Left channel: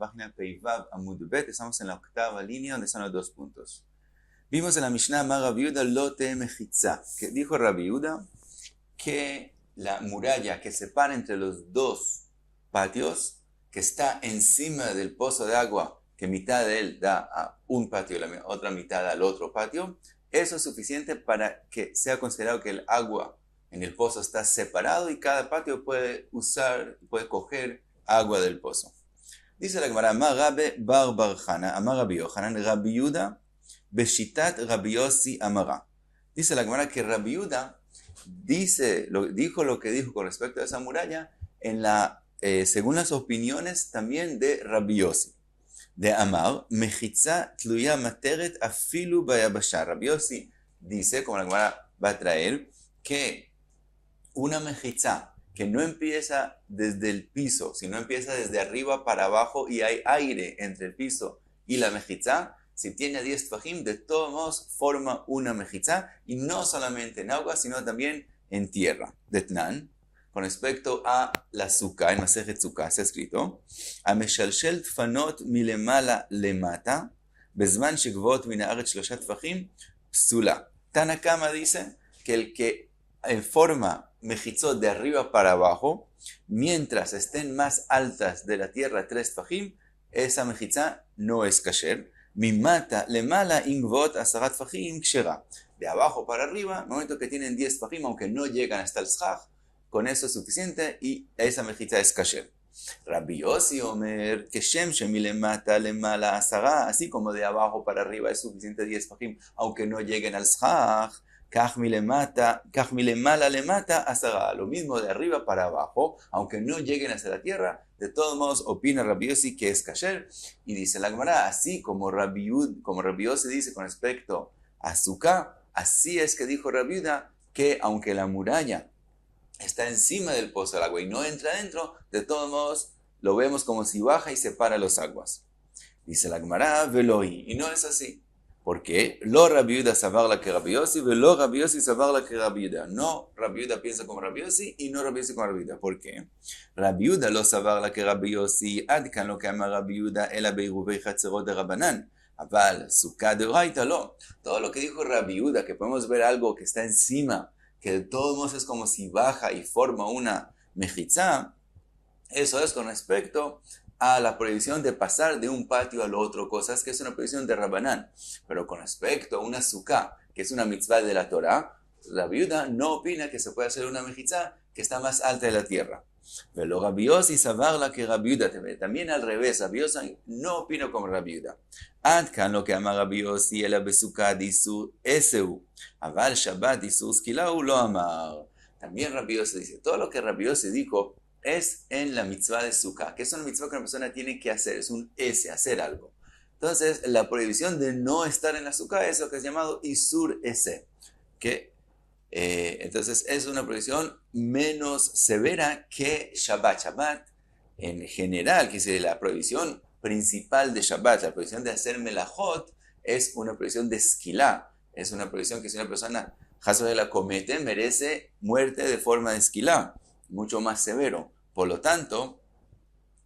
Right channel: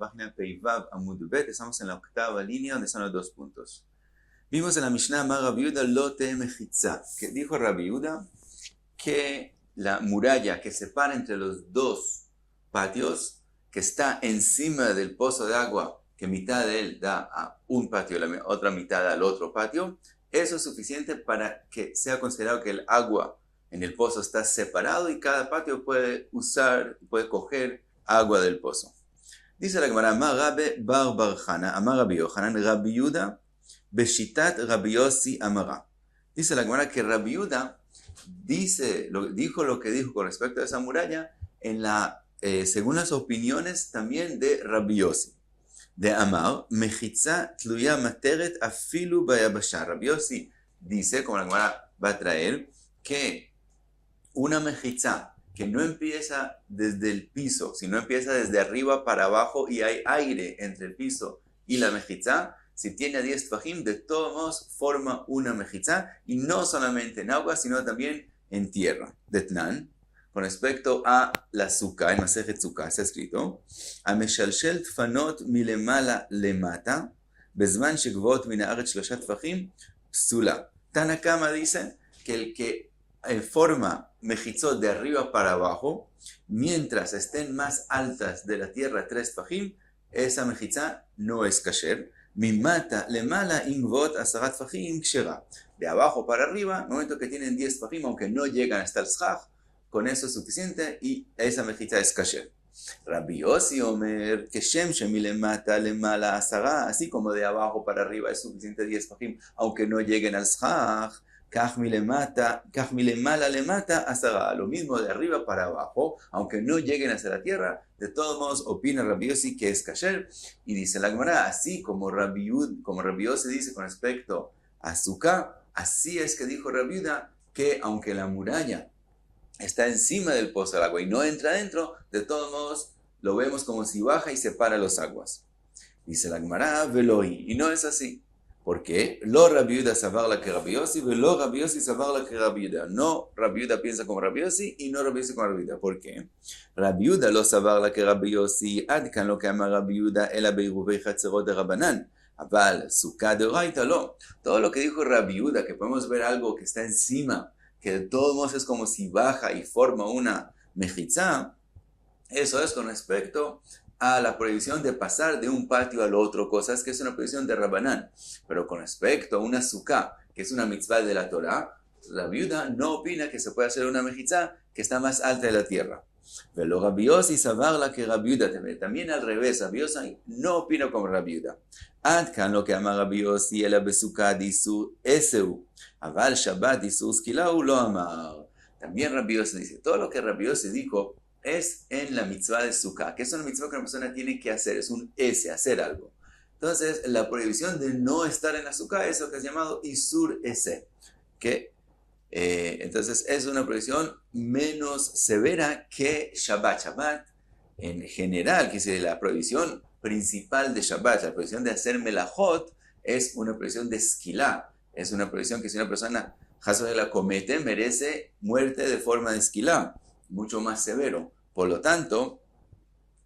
página Peivav Amud Bet. Estamos en la octava línea donde están los dos puntos. Vimos en la Mishnah Amar Rabbi Yehuda lo te mechitza, que dijo Rabbi Yehuda que la muralla que separa entre los dos patios, que está encima del pozo de agua, que mitad de él da a un patio y la otra mitad al otro patio, eso es suficiente para que sea considerado que el agua en el pozo está separado y cada patio puede coger agua del pozo. Dice la Gemara, Amar Rabbe bar bar Chana, Amar Rabbi Yochanan, Rabbi Yehuda, Beshitat Rabbi Yossi Amara. Dice la Gemara que Rabbi Yehuda dijo lo que dijo con respecto a esa muralla según las opiniones también de Rabbi Yossi. De Amar, Mechitza Tluya Materet Afilu Bayabasha. Rabbi Yossi dice, como la Gemara va a traer, que una mechitza que no empieza desde el piso, sino empieza desde arriba para abajo y hay aire entre el piso y la mechitza, si tiene 10 tfajim, de todos modos forma una mechitza, y no solamente en agua, sino también en tierra. De Tnan, con respecto a la sukkah, en Masejet Sukkah está escrito, Ameshalshel tfanot milemala lemata, bezman shegvot min haaretz shlosha tfajim, psula. Tana Kama dice que el que forma mechitzot de arriba para abajo, mientras estén más altas de la tierra 3 tfajim, esa mechitza no es kasher. Mimata lemala ingvot asarat tfajim kshera. De abajo para arriba, en el momento que tienen 10 tfajim, aunque no llegan hasta el shach, con eso es suficiente y esa mechitza es kasher. Rabbi Yossi Omer, que shem shemilemata lemala asara, así como de abajo para arriba es suficiente 10 tfajim, aunque no lleguen al shach, kach milemala lemata asara, lo mismo de arriba para abajo, aunque no lleguen hacia la tierra, de todos modos opina Rabbi Yossi que es kasher, y dice la Gemara, así como Rabbi Yossi dice con respecto a Sukkah, así es que dijo Rabbi Yehuda que aunque la muralla está encima del pozo del agua y no entra adentro, de todos modos lo vemos como si baja y separa las aguas. Dice la Gemara, veloi, y no es así. ¿Por qué? Lo Rabbi Yehuda sabarla que Rabbi Yossi, velo Rabbi Yossi sabarla que Rabbi Yehuda. No Rabbi Yehuda piensa como Rabbi Yossi y no Rabbi Yossi como Rabbi Yehuda. ¿Por qué? Rabbi Yehuda lo sabarla que Rabbi Yossi, adkan lo que ama Rabbi Yehuda, ela beiruvei chatzerot de Rabbanan. Aval, sukkah de oraita lo. Todo lo que dijo Rabbi Yehuda, que podemos ver algo que está encima, que de todos modos es como si baja y forma una mechitza, eso es con respecto a la prohibición de pasar de un patio al otro, cosas que es una prohibición de Rabbanán. Pero con respecto a una sukkah, que es una mitzvah de la Torah, la viuda no opina que se puede hacer una mechitza que está más alta de la tierra. Pero Rabbi Yossi sabarla que Rabbi Yehuda, también al revés, Rabbi Yossi no opina como Rabbi Yehuda. Adkan lo que ama Rabbi Yossi, ela besukkah disur eseu, aval Shabbat disur skilau lo amar. También Rabbi Yossi dice, todo lo que Rabbi Yossi dijo es en la mitzvah de Sukkah, que es una mitzvah que una persona tiene que hacer, es un ese, hacer algo. Entonces, la prohibición de no estar en la Sukkah es lo que es llamado Isur ese, que entonces es una prohibición menos severa que Shabbat. Shabbat, en general, que es la prohibición principal de Shabbat, la prohibición de hacer melajot, es una prohibición de esquilá, es una prohibición que si una persona la comete, merece muerte de forma de esquilá, mucho más severo. Por lo tanto,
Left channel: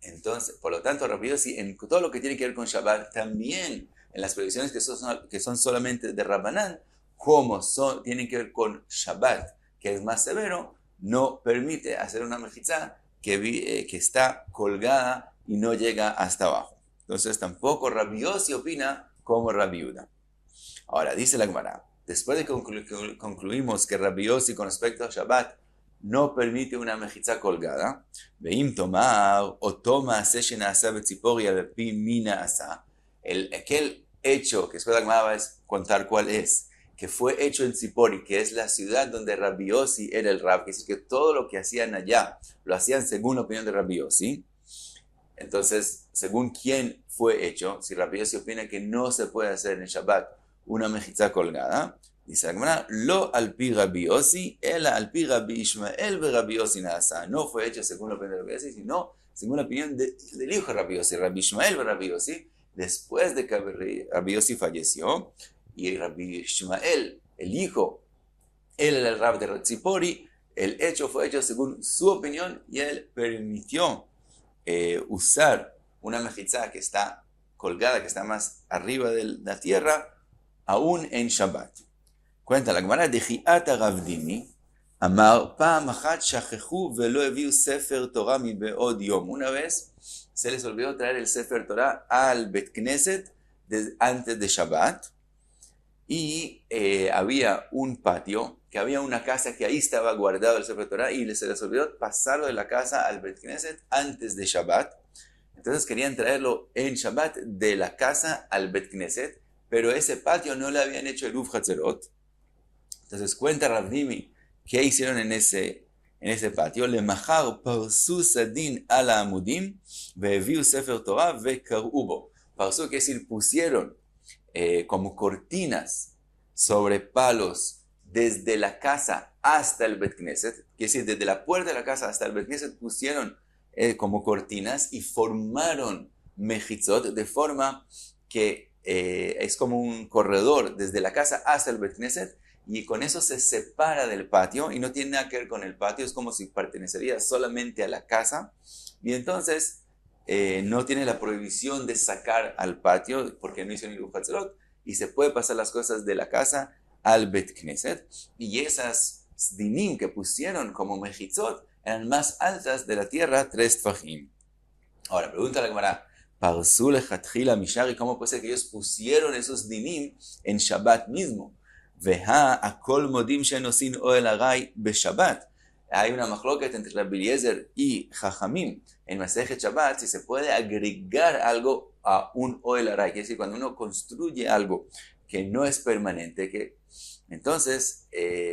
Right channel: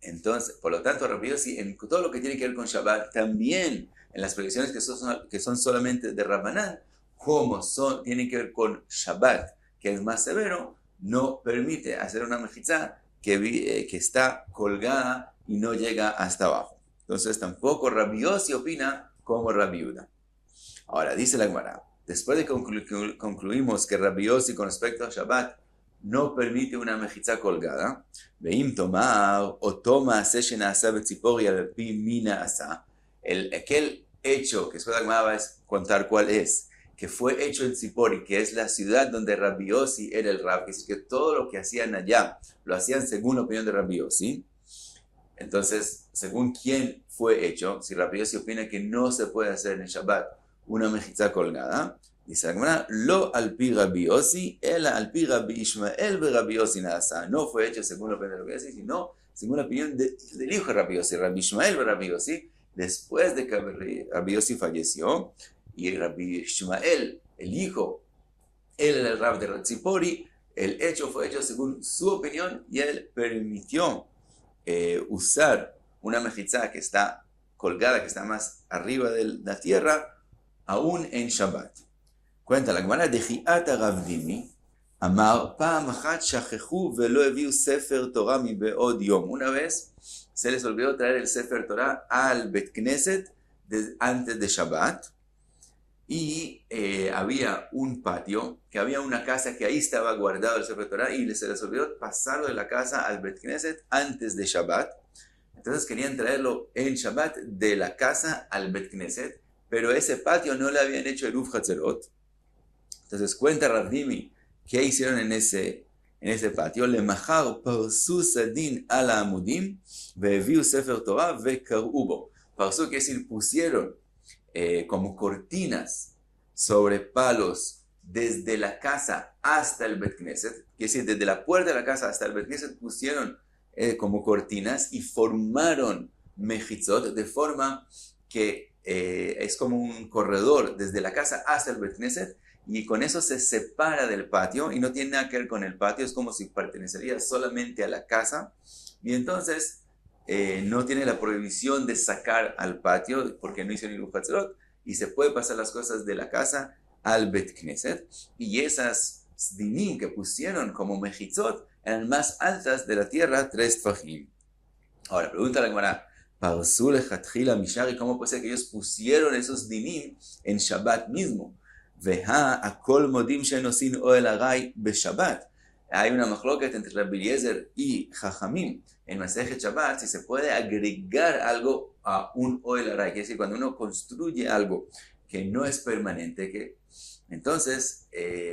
Rabbi Yossi, en todo lo que tiene que ver con Shabbat, también en las prohibiciones que son solamente de Rabbanán, como tienen que ver con Shabbat, que es más severo, no permite hacer una mechitza que está colgada y no llega hasta abajo. Entonces tampoco Rabbi Yossi opina como Rabbi Yehuda. Ahora, dice la Gemara, después de que concluimos que Rabbi Yossi con respecto a Shabbat no permite una mechitza colgada, veim tomar o toma seshena asa betzipori al pi mina asa, aquel hecho que después la Gemara va a contar cuál es, que fue hecho en Tzipori, que es la ciudad donde Rabbi Yossi era el Rab, que es que todo lo que hacían allá, lo hacían según la opinión de Rabbi Yossi. Entonces, según quién fue hecho, si Rabbi Yossi opina que no se puede hacer en Shabbat una mechitza colgada, dice la Gemara, lo al pi Rabbi Yossi, ela al pi Rabbi Ishmael ve Rabbi Yossi nasa. No fue hecho según la opinión de Rabbi Yossi, sino según la opinión del hijo de Rabbi Yossi, Rabbi Ishmael ve Rabbi Yossi, después de que Rabbi Yossi falleció, y Rabbi Ishmael, el hijo, él era el Rab de Tzipori, el hecho fue hecho según su opinión y él permitió usar una mejizá que está colgada, que está más arriba de la tierra, aún en Shabbat. Cuenta la Gemara de Ji'ata Ravdimi, Amar, Pa'am achat shachechu velo heviu Sefer Torah mi be'od yom. Una vez se les olvidó traer el Sefer Torah al Bet Knesset antes de Shabbat, y había un patio, que había una casa que ahí estaba guardado el Sefer Torah, y se les olvidó pasarlo de la casa al Bet Knesset antes de Shabbat. Entonces querían traerlo en Shabbat de la casa al Bet Knesset, pero ese patio no le habían hecho Eruv Hatzerot. Entonces cuenta Ravdimi qué hicieron en ese patio. Lemachar parsu sadin ala amudim ve'eviu Sefer Torah ve'kar'u bo. Parsu quiere decir pusieron como cortinas sobre palos desde la casa hasta el Bet Knesset. Quiere decir, desde la puerta de la casa hasta el Bet Knesset pusieron como cortinas y formaron mejitzot de forma que es como un corredor desde la casa hasta el Bet Knesset, y con eso se separa del patio y no tiene nada que ver con el patio, es como si pertenecería solamente a la casa, y entonces no tiene la prohibición de sacar al patio porque no hicieron Eruv Hatzerot, y se puede pasar las cosas de la casa al Bet Knesset, y esas dinim que pusieron como mejitzot eran más altas de la tierra, 3 tfajim. Ahora, pregunta la Gemara, Parsu lechatchila mishari, ¿cómo puede ser que ellos pusieron esos dinim en Shabbat mismo? Veha akol modim shenosin oel aray beshabbat. Hay una machloket entre Rabbi Eliezer y Jajamim en Masejet Shabbat si se puede agregar algo a un oel aray, quiere decir cuando uno construye algo que no es permanente, entonces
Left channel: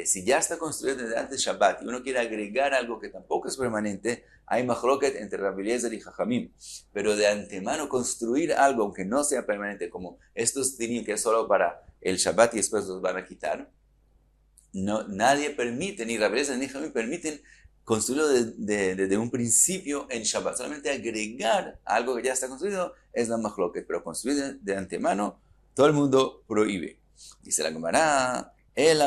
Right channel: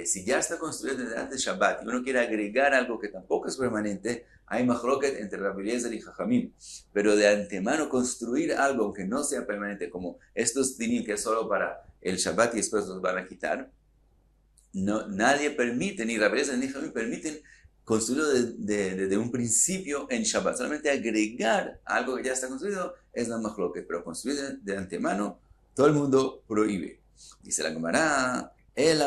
si ya está construido desde antes Shabbat y uno quiere agregar algo que tampoco es permanente, hay machloket entre Rabbi Eliezer y Jajamim, pero de antemano construir algo aunque no sea permanente, como estos dinim que es solo para el Shabbat y después los van a quitar, no, nadie permite, ni Rabbi Eliezer ni Jajamim permiten construirlo desde un principio en Shabbat. Solamente agregar algo que ya está construido es la machloket, pero construir de antemano todo el mundo prohíbe. Dice la Gemara, el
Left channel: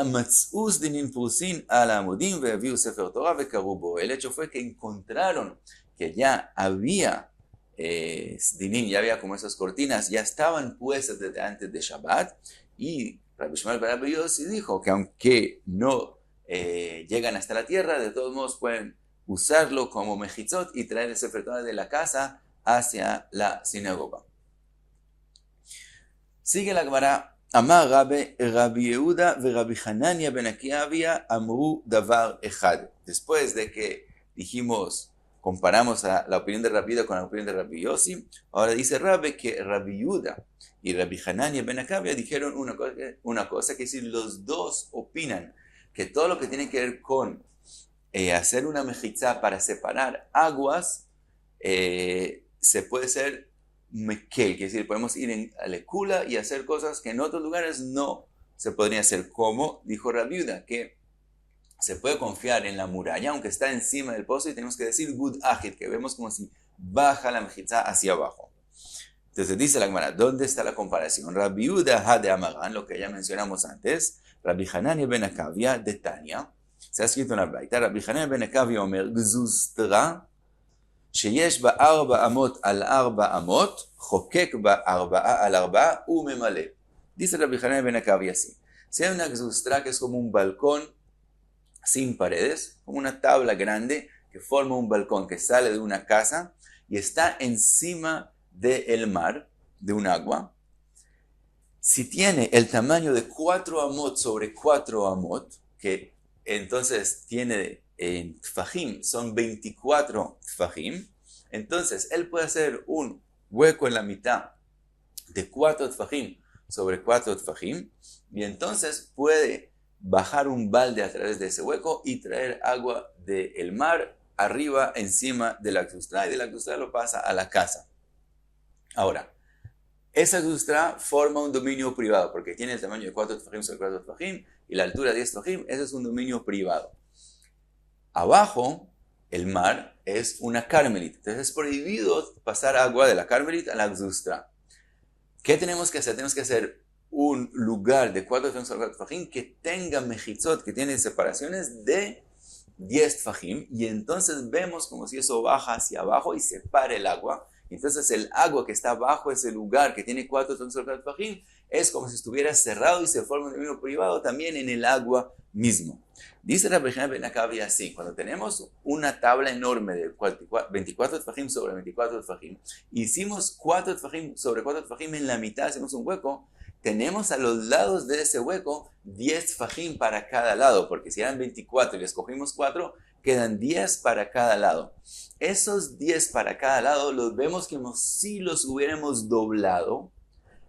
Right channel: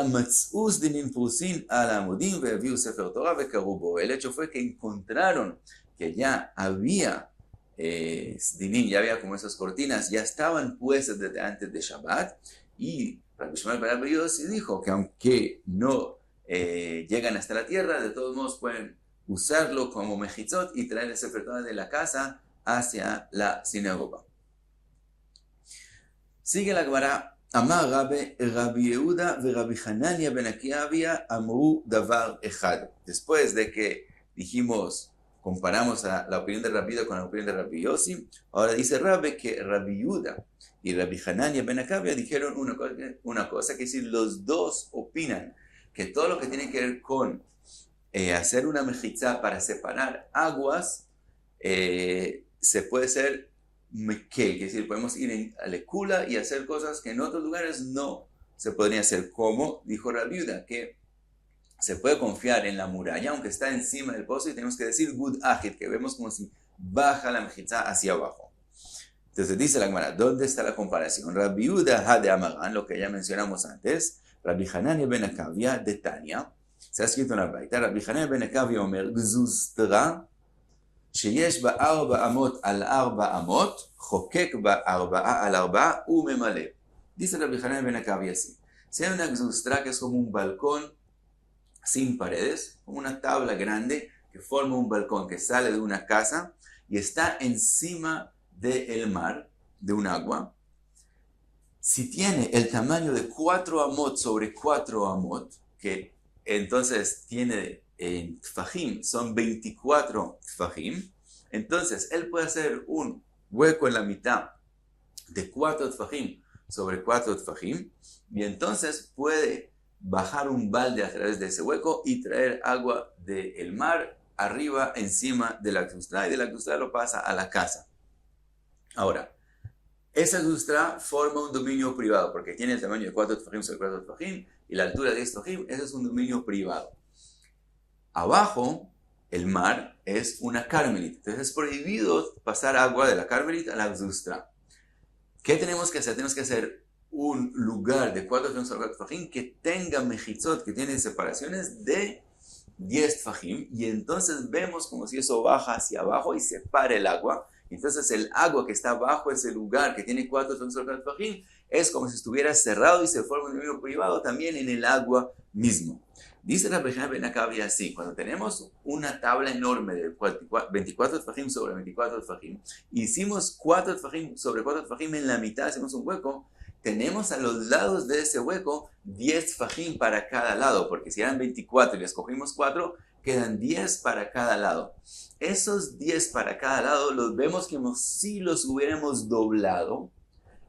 hecho fue que encontraron que ya había dinim, ya había como esas cortinas, ya estaban puestas desde antes de Shabbat, y Rabbi Shmuel bar Rabbi Yossi dijo que aunque no llegan hasta la tierra, de todos modos pueden usarlo como mejitzot y traer el Sefer Torah de la casa hacia la sinagoga. Sigue la Gemara. Amar Rabbi Yehuda ve Rabbi Hanania ben Akiavia amru davar echad. Después de que comparamos la opinión de Rabbi Yehuda con la opinión de Rabbi Yossi, ahora dice Rabbi que Rabbi Yehuda y Rabbi Hanania ben Akiavia dijeron una cosa, que es decir, los dos opinan que todo lo que tiene que ver con hacer una mejizá para separar aguas se puede hacer mekel, que es decir, podemos ir a Lekula y hacer cosas que en otros lugares no se podrían hacer, como dijo Rabbi Yehuda, que se puede confiar en la muralla, aunque está encima del pozo, y tenemos que decir Gud Ajit, que vemos como si baja la mejizá hacia abajo. Entonces dice la Gemara, ¿dónde está la comparación? Rabbi Yehuda ha de Amaran, lo que ya mencionamos antes, Rabbi Hanania ben Akavia de Tania, se ha escrito en la Braita, Rabbi Hanania ben Akavia omer gzuztra, שיש בה 4 אמות על 4 אמות, חוקק בה 4 על 4 וממלא. Dice Rabbi Hanania ben Akavia así. Si hay una gzustra que es como un balcón sin paredes, como una tabla grande que forma un balcón que sale de una casa y está encima del mar, de un agua, si tiene el tamaño de 4 amot sobre 4 amot, que entonces tiene en tfajim, son 24 tfajim, entonces él puede hacer un hueco en la mitad de 4 tfajim sobre 4 tfajim, y entonces puede bajar un balde a través de ese hueco y traer agua del mar arriba encima de la gzustra, y de la gzustra lo pasa a la casa. Ahora, esa gzustra forma un dominio privado, porque tiene el tamaño de 4 tfajim sobre 4 tfajim, y la altura de 10 tfajim, ese es un dominio privado. Abajo, el mar es una carmelita. Entonces es prohibido pasar agua de la carmelita a la gzustra. ¿Qué tenemos que hacer? Tenemos que hacer un lugar de 4 tfajim sobre 4 tfajim que tenga mejitzot, que tiene separaciones de 10 tfajim, y entonces vemos como si eso baja hacia abajo y separa el agua, Entonces el agua que está bajo ese lugar que tiene 4 tefajim sobre 4 tefajim es como si estuviera cerrado y se forma un dominio privado también en el agua mismo. Dice Rabbi Hanan ben Akavia así: cuando tenemos una tabla enorme de 24 tefajim sobre 24 tefajim, hicimos 4 tefajim sobre 4 tefajim en la mitad, hacemos un hueco, tenemos a los lados de ese hueco 10 tefajim para cada lado, porque si eran 24 y les cogimos 4, quedan 10 para cada lado. Esos 10 para cada lado los vemos como si los hubiéramos doblado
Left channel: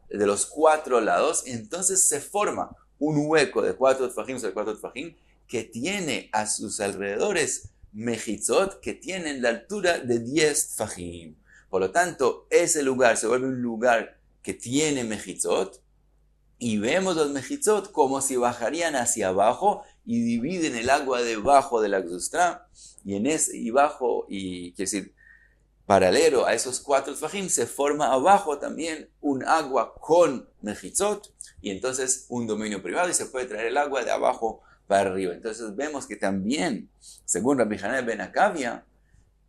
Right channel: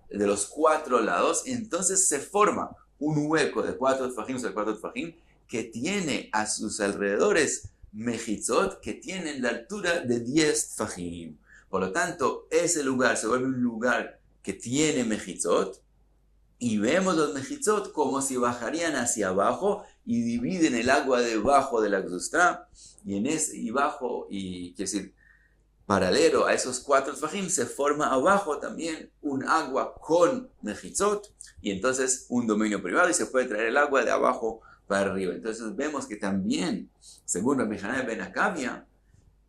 de los 4 lados, entonces se forma un hueco de 4 tefajim sobre 4 tefajim que tiene a sus alrededores mejitzot que tienen la altura de 10 tefajim. Por lo tanto, ese lugar se vuelve un lugar que tiene mejitzot y vemos los mejitzot como si bajarían hacia abajo y dividen el agua debajo de la Gzustra y bajo, y quiere decir, paralelo a esos 4 tefajim se forma abajo también un agua con mejitzot y entonces un dominio privado y se puede traer el agua de abajo para arriba. Entonces vemos que también, según Rabbi Hanan ben Akavia,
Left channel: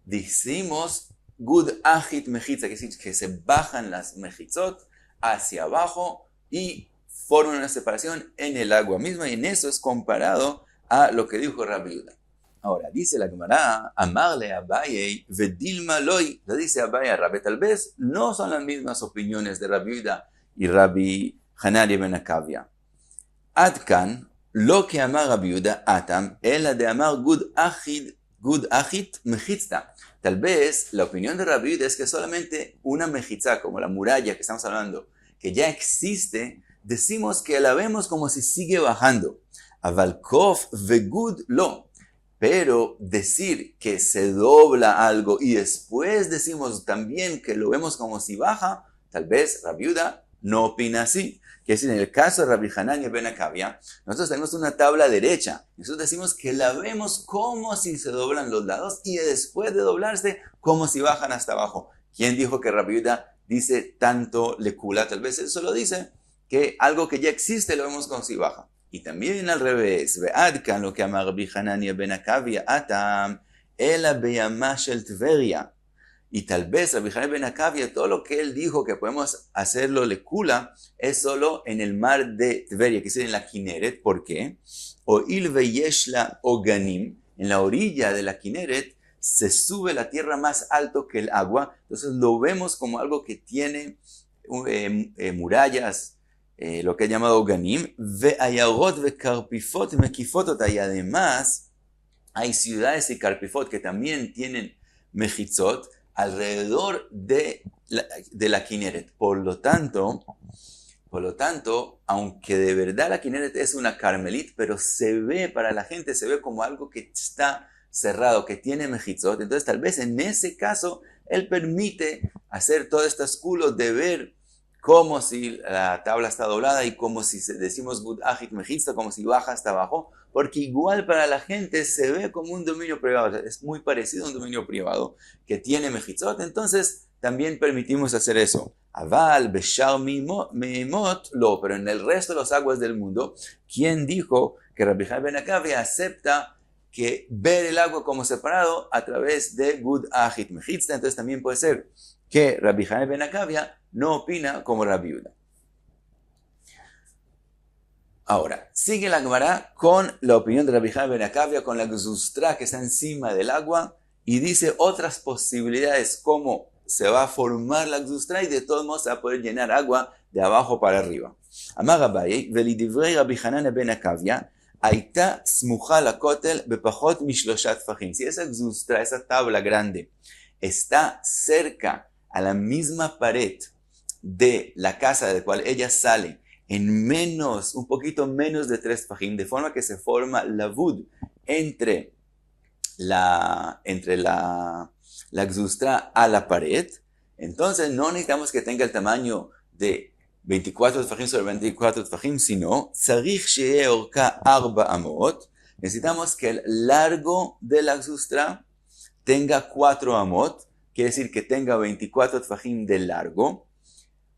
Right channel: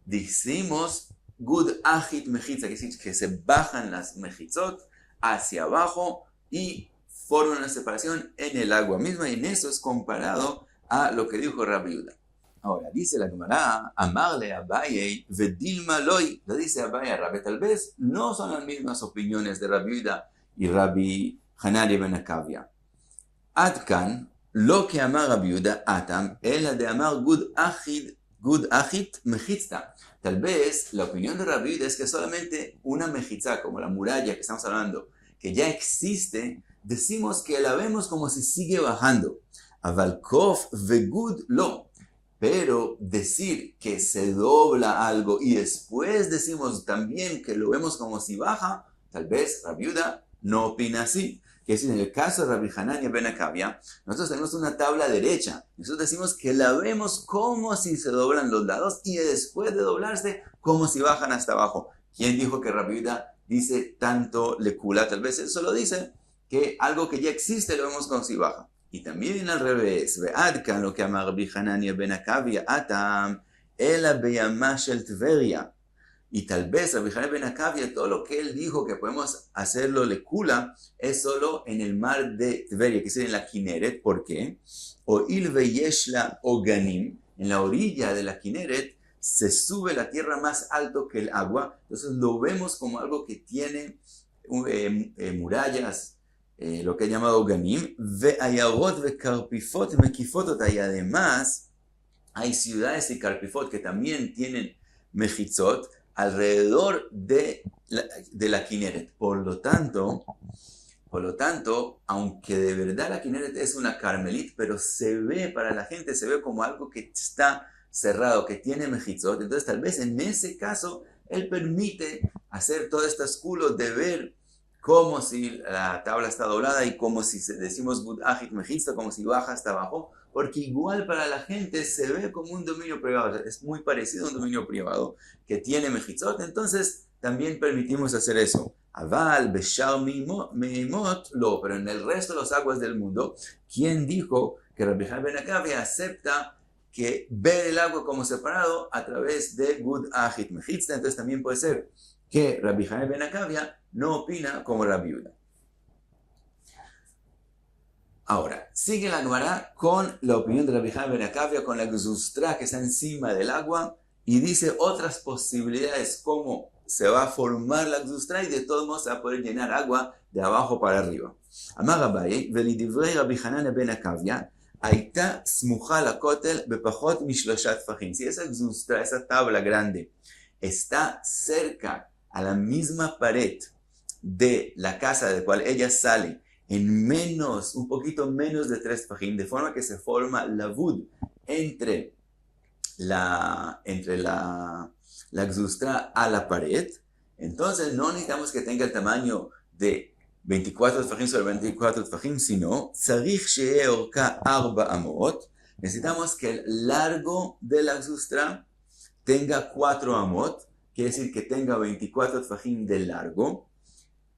decimos gud achit mechitza, que es decir, que se bajan las mejitzot hacia abajo y forman una separación en el agua misma, y en eso es comparado a lo que dijo Rabbi Yehuda. Ahora, dice la Gemara, amarle a Abaye vedilma loy, lo dice Abaye a Rabbi, tal vez no son las mismas opiniones de Rabbi Yehuda y Rabbi Hanan ben Akavia. Adkan, lo que amar Rabbi Yehuda atam, ela de amar gud achit mejitzta. Tal vez la opinión de Rabbi Yehuda es que solamente una mejitza, como la muralla que estamos hablando, que ya existe, decimos que la vemos como si sigue bajando. Aval kof vegud lo. Pero decir que se dobla algo y después decimos también que lo vemos como si baja, tal vez Rabbi Yehuda no opina así. Que es en el caso de Rabbi Hanan ben Akavia, nosotros tenemos una tabla derecha. Nosotros decimos que la vemos como si se doblan los lados y después de doblarse como si bajan hasta abajo. ¿Quién dijo que Rabbi Yehuda dice tanto lecula? Tal vez eso lo dice, que algo que ya existe lo vemos como si baja. Y también al revés, ve'adkan lo que ama Rabbi Hanan ben Akavia atam ela beyama shel Tveria. Y tal vez Rabbi Hanan ben Akavia, todo lo que él dijo que podemos hacerlo lecula, es solo en el mar de Tveria, que es en la Kineret. ¿Por qué? O il veyeshla oganim, en la orilla de la Kineret se sube la tierra más alto que el agua, entonces lo vemos como algo que tiene murallas, lo que he llamado Ganim, ve'ayarot ve'karpifot mekifotot, y además hay ciudades y karpifot que también tienen mejitzot alrededor de la Kineret. Por lo tanto, aunque de verdad la Kineret es una carmelit, pero se ve, para la gente se ve como algo que está cerrado, que tiene mejitzot, entonces tal vez en ese caso él permite hacer todos estos culos de ver como si la tabla está doblada y como si decimos gud achit mejitza, como si baja hasta abajo, porque igual para la gente se ve como un dominio privado, es muy parecido a un dominio privado que tiene mejitzot, entonces también permitimos hacer eso. Aval, beshar meimot, lo, pero en el resto de las aguas del mundo, ¿quién dijo que Rabbi Hanan ben Akavia acepta que ver el agua como separado a través de gud achit mejitza? Entonces también puede ser que Rabbi Hanan ben Akavia no opina como Rabbi Yehuda. Ahora, sigue la Gemara con la opinión de Rabbi Hanan ben Akavia, con la Gzustra que está encima del agua, y dice otras posibilidades como se va a formar la Gzustra y de todos modos se va a poder llenar agua de abajo para arriba. Amar Abaye, velidivrei Rabbi Hanan ben Akavia, Aita smucha lakotel bepachot mishloshat tefajim. Si esa Gzustra, esa tabla grande, está cerca a la misma pared de la casa de la cual ella sale, en un poquito menos de 3 tefajim, de forma que se forma lavud entre la Gzustra a la pared, entonces no necesitamos que tenga el tamaño de 24 tefajim sobre 24 tefajim, sino tzarich she'eh orka 4 amot, necesitamos que el largo de la Gzustra tenga 4 amot, quiere decir que tenga 24 tefajim de largo.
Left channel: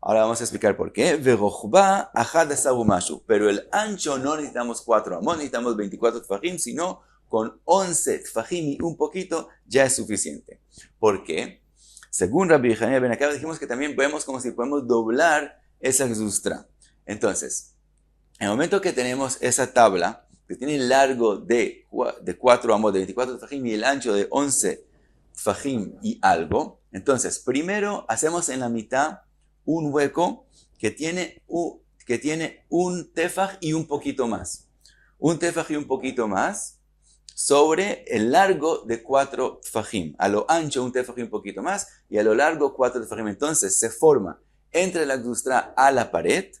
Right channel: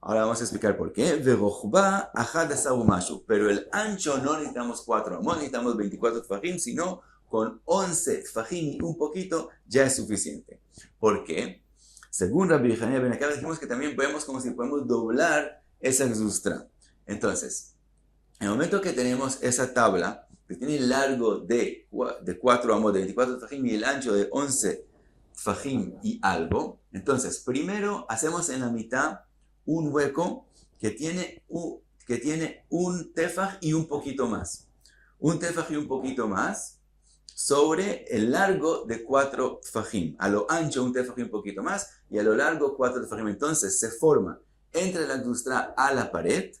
Ahora vamos a explicar por qué. Verochba achad asar umashu. Pero el ancho no necesitamos 4 amot, necesitamos 24 tefajim, sino con 11 tefajim y un poquito ya es suficiente. ¿Por qué? Según Rabbi Hanina ben Akab, dijimos que también vemos como si podemos doblar esa gzustra. Entonces, en el momento que tenemos esa tabla, que tiene el largo de 4 amos, de 24 tfajim y el ancho de 11 tfajim y algo, entonces primero hacemos en la mitad un hueco que tiene un tefaj y un poquito más. Un tefaj y un poquito más sobre el largo de 4 tfajim. A lo ancho un tefaj y un poquito más y a lo largo 4 tfajim. Entonces se forma entre la gzustra a la pared,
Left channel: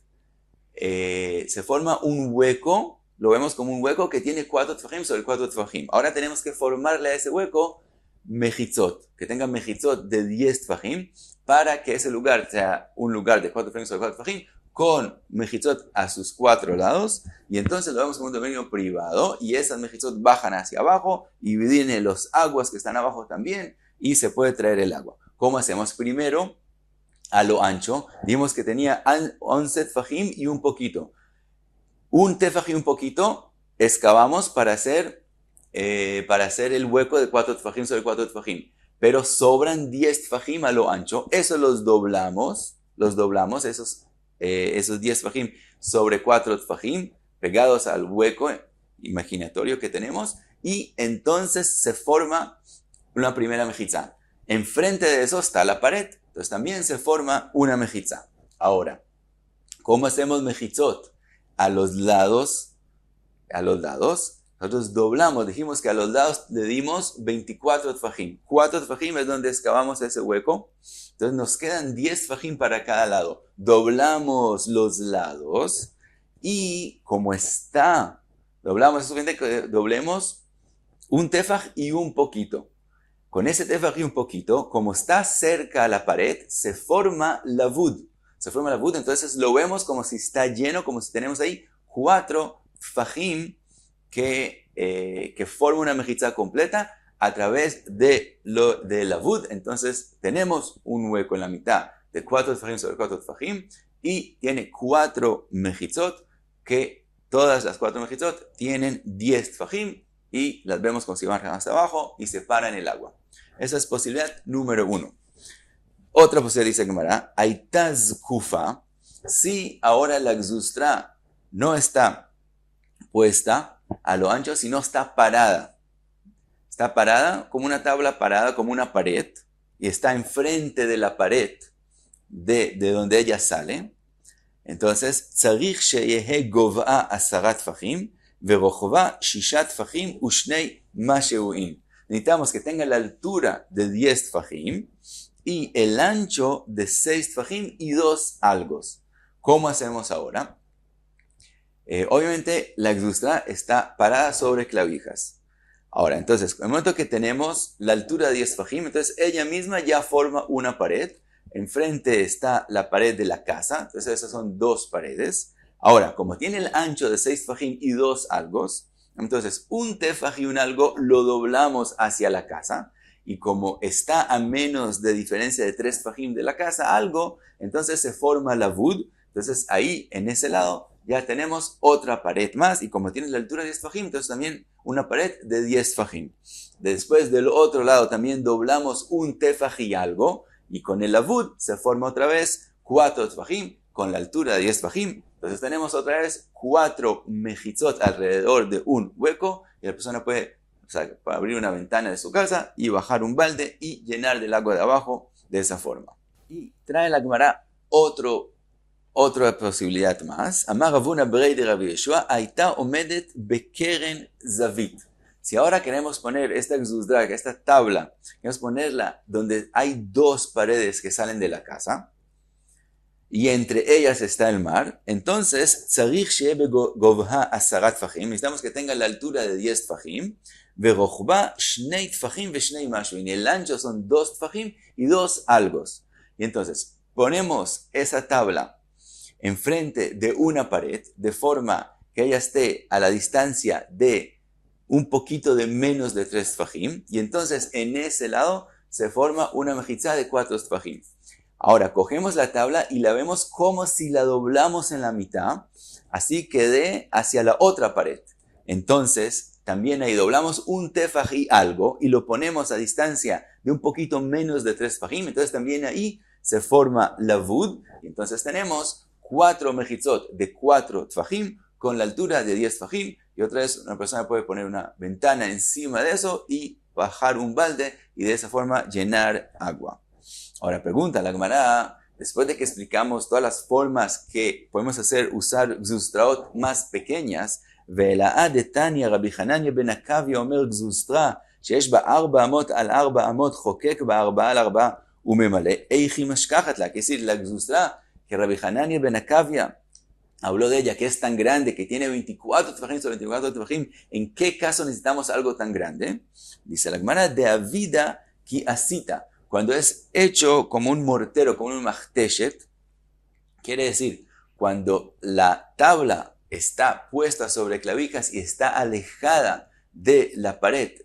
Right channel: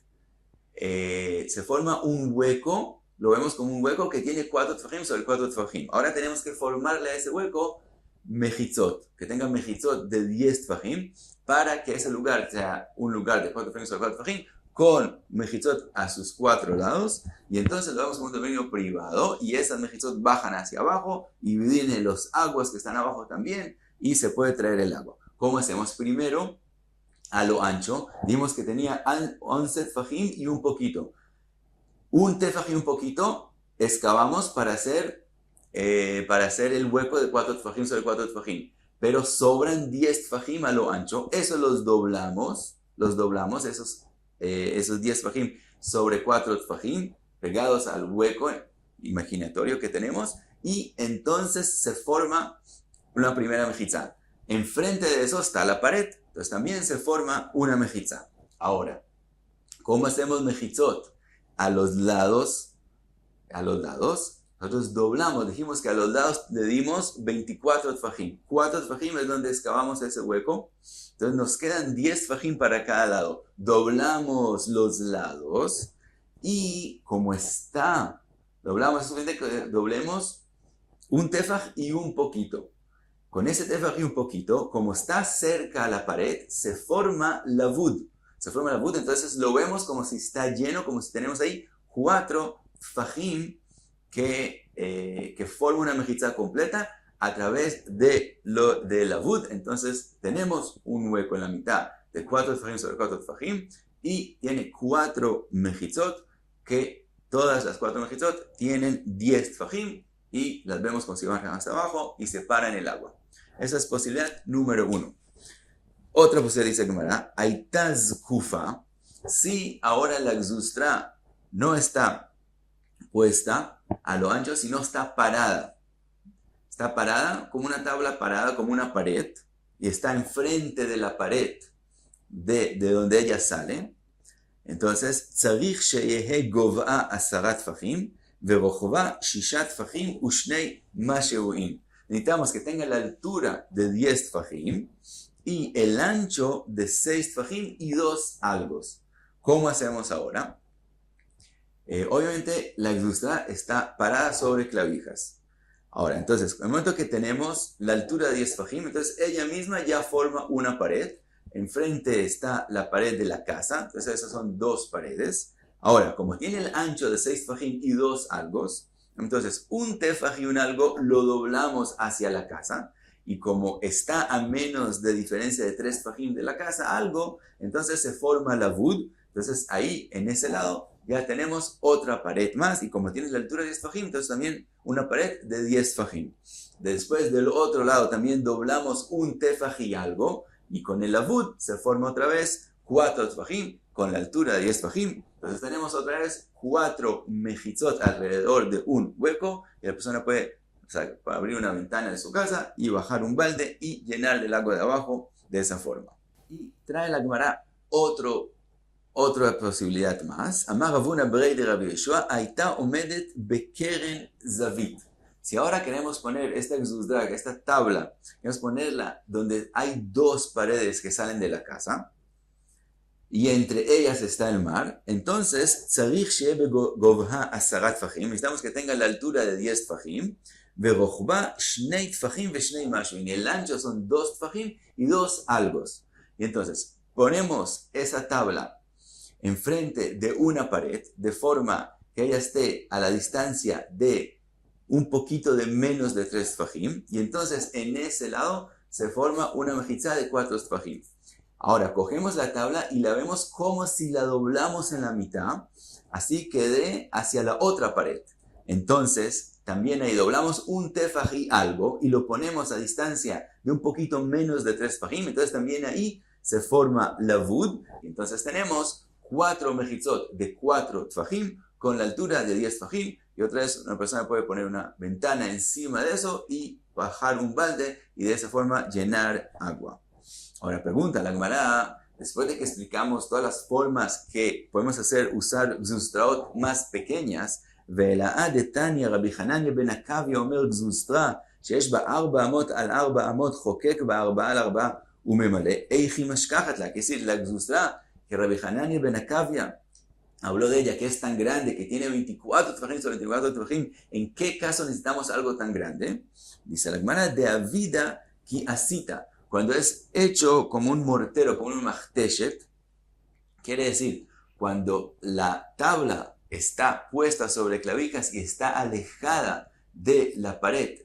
se forma un hueco, lo vemos como un hueco que tiene 4 tfajim sobre 4 tfajim. Ahora tenemos que formarle a ese hueco mejitzot, que tenga mejitzot de 10 tfajim, para que ese lugar sea un lugar de 4 tfajim sobre 4 tfajim, con mejitzot a sus 4 lados, y entonces lo vemos como un dominio privado, y esas mejitzot bajan hacia abajo, y vienen los aguas que están abajo también, y se puede traer el agua. ¿Cómo hacemos? Primero, a lo ancho, vimos que tenía 11 tfajim y un poquito. Un tefaj y un poquito, excavamos para hacer el hueco de 4 tfajim sobre 4 tfajim. Pero sobran 10 tfajim a lo ancho, eso los doblamos, esos 10 tfajim sobre 4 tfajim, pegados al hueco imaginatorio que tenemos, y entonces se forma una primera mejitza. Enfrente de eso está la pared, entonces también se forma una mejitza. Ahora, ¿cómo hacemos mejitzot? A los lados, nosotros doblamos, dijimos que a los lados le dimos 24 tfajim. 4 tfajim es donde excavamos ese hueco, entonces nos quedan 10 tfajim para cada lado. Doblamos los lados y como está, doblamos, es suficiente que doblemos un tefaj y un poquito. Con ese tefaj y un poquito, como está cerca a la pared, se forma la vud. Entonces lo vemos como si está lleno, como si tenemos ahí 4 tfajim que forman una mejitza completa a través de la vud. Entonces tenemos un hueco en la mitad de 4 tfajim sobre 4 tfajim y tiene 4 mejitzot, que todas las 4 mejitzot tienen 10 tfajim y las vemos como si bajan hasta abajo y separan el agua. Esa es posibilidad número 1. Otra posibilidad dice Gemara, Aitaz Kufa, si ahora la gzustra no está puesta a lo ancho, sino está parada. Está parada como una tabla parada, como una pared, y está enfrente de la pared de donde ella sale. Entonces, Tzarich sheyehe gov'a 10 tfajim, verochva 6 tfajim ushnei masheuim. Necesitamos que tenga la altura de 10 tfajim y el ancho de 6 tfajim y 2 algos. ¿Cómo hacemos ahora? Obviamente la gzustra está parada sobre clavijas. Ahora, entonces, en el momento que tenemos la altura de 10 tfajim, entonces ella misma ya forma una pared. Enfrente está la pared de la casa, entonces esas son 2 paredes. Ahora, como tiene el ancho de 6 tfajim y 2 algos, entonces un tefaj y un algo lo doblamos hacia la casa. Y como está a menos de diferencia de 3 tfajim de la casa, algo, entonces se forma la vud. Entonces ahí, en ese lado, ya tenemos otra pared más. Y como tiene la altura de 10 tfajim, entonces también una pared de 10 tfajim. Después del otro lado también doblamos un tefaj y algo. Y con el avud se forma otra vez 4 tfajim con la altura de 10 tfajim. Entonces tenemos otra vez 4 mejitzot alrededor de un hueco. Y la persona puede abrir una ventana de su casa y bajar un balde y llenar del agua de abajo de esa forma. Y trae la Gemara otra posibilidad más. Amar Ravuna Brei de Rabbi Yeshua, Aita omedet bekeren zavit. Si ahora queremos poner esta gzustra, esta tabla, queremos ponerla donde hay 2 paredes que salen de la casa, y entre ellas está el mar, entonces, tzarich sheye begovha 10 tfajim, necesitamos que tenga la altura de 10 tfajim, verochba 2 tfajim ve 2 mashuin, y el ancho son 2 tfajim y 2 algos. Y entonces, ponemos esa tabla enfrente de una pared, de forma que ella esté a la distancia de un poquito de menos de 3 tfajim, y entonces en ese lado se forma una mejitza de 4 tfajim. Ahora, cogemos la tabla y la vemos como si la doblamos en la mitad, así que de hacia la otra pared. Entonces, también ahí doblamos un tefaj y algo y lo ponemos a distancia de un poquito menos de 3 tfajim, entonces también ahí se forma lavud, y entonces tenemos 4 mejitzot de 4 tfajim con la altura de 10 tfajim, y otra vez una persona puede poner una ventana encima de eso y bajar un balde y de esa forma llenar agua. Ahora pregunta la Gemara, después de que explicamos todas las formas que podemos usar gzustraot más pequeñas, ולאה דתניא רבי חנניה בן עקביא אומר גזוסטרה שיש בה 4 אמות על 4 אמות חוקק בה 4 על 4 וממלא, איך היא משכחת לה? Que decir, la gzustra que Rabbi Hanania ben Akavia habló de ella, que es tan grande, que tiene 24 tefajim sobre 24 tefajim, ¿en qué caso necesitamos algo tan grande? Dice la Gemara, de avida ki asita, cuando es hecho como un mortero, como un machteshet, quiere decir, cuando la tabla está puesta sobre clavijas y está alejada de la pared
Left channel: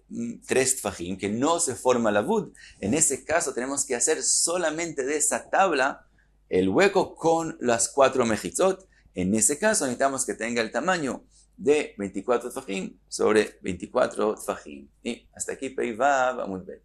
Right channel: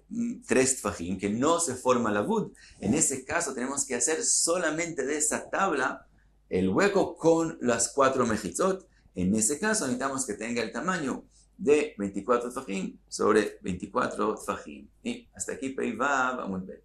3 tfajim, que no se forma la lavud, en ese caso tenemos que hacer solamente de esa tabla el hueco con las 4 mejitzot. En ese caso necesitamos que tenga el tamaño de 24 tfajim sobre 24 tfajim. Y hasta aquí Pei Vav Amud Bet.